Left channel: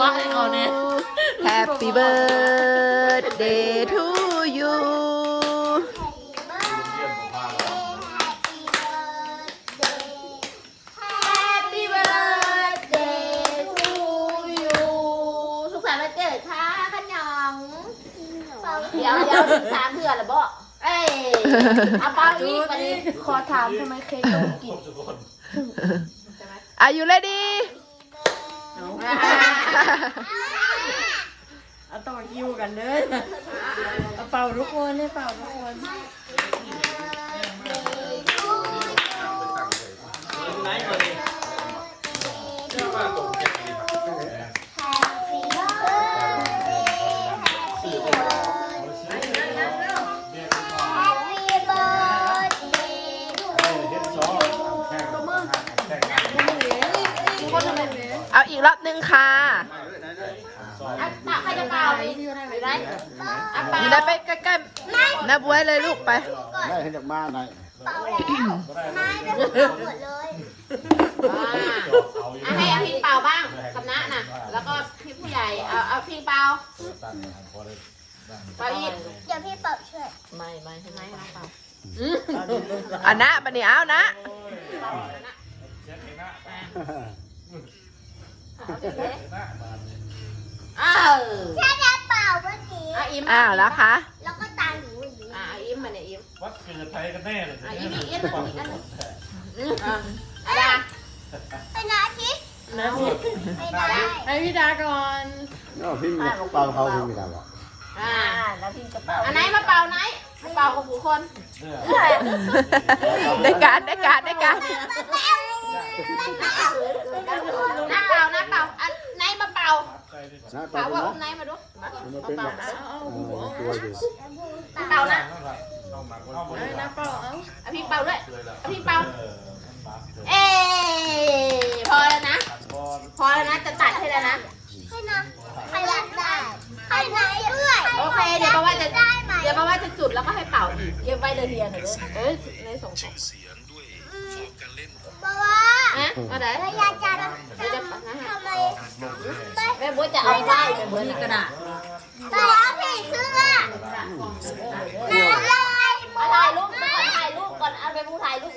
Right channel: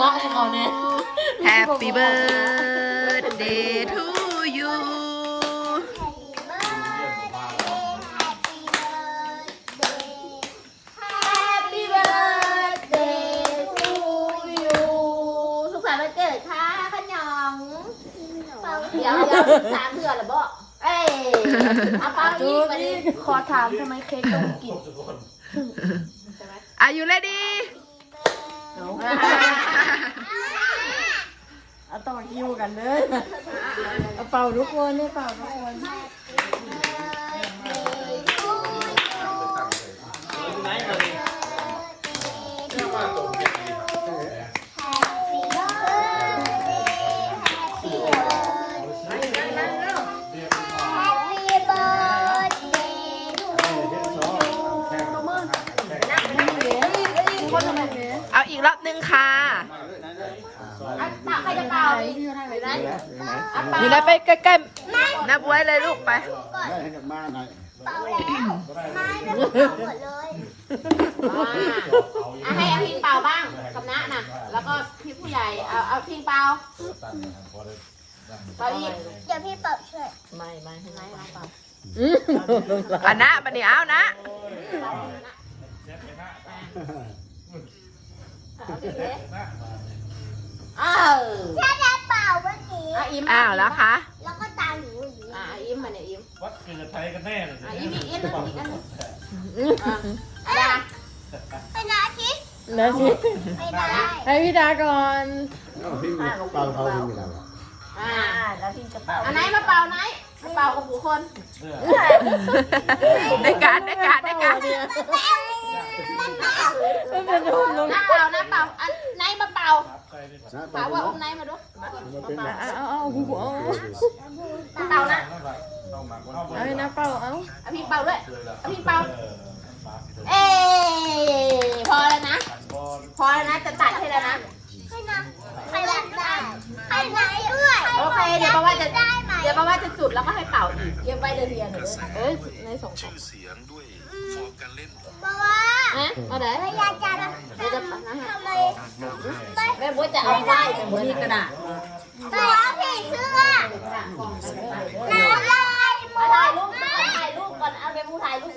วะเลยเขาเนี่ย Happy birthday to you เดี๋ยวเดี๋ยวสามเดือนหรอเปลเอ้ยเอาเป้าีกวันี้ขอถามทำไมเค้กต้องกิ่ไหมอายุเลยดีเอาต่อกิวกันเลยเอาเป่าทุกคนเนี่ยเป่าทุกคนีกรอบหนึ่งค่ะอัตตาขยันเก่าอยู่ไหนไปใกล้ๆนายบวยเลยลูกไปมาหน่อยเป่าแล้วไม่ได้หมดเลยให้พี่เป่าบ้างกับน้าน่ะแล้วก็พี่ผู้ใหญ่เอาเอาพี่เป่าเปาอีกอย่าพี่เป่าช่วย ไม่ไม่ใช่ไหมเป่าอันน้าปนี้เอานะอาอีม้า่เปล่าเมื่อกี้ อ้าวอีมอ้าแล้วคะ แล้วก็ตาหนูอิม้าวอีมมาเนี่ยอีมวัดเกิดไทยกันแน่เลยอ้าวอีมอีมอ่ันนึงไปนาทิศนาทิศไปได้ให้พี่ดาก่อนเราพี่มเป่าเขาพี่ดาละอ่าแล้วพี่จะเป่าอันไหนมาเป่าไหนเป่าของผู้คนได้การได้การได้การหน้าเป่าน้าเป่าอันไหนมาเป่าเป่าว่าอัไหนมาดูเป่านะเป่า่ะพี่เป่าด้วยพี่เป่า เอพอแล้วนะ พอแล้วนะ จะตัดให้แล้วนะให้นะให้ได้ให้ได้ด้วยโอเค เดี๋ยวว่าจะ เดี๋ยวว่าจะจุดแล้วก็ให้เป่าอีกเยี่ยมไปเรียนเลยเออในสองเสียงด้วยมาเดี๋ยวพี่ยาจับมามาแม่บู้จะเอาผีซื้อมาเลยมาถ่ายรูปถ่ายรูปก่อน เอาไปบู้ถ่ายรูป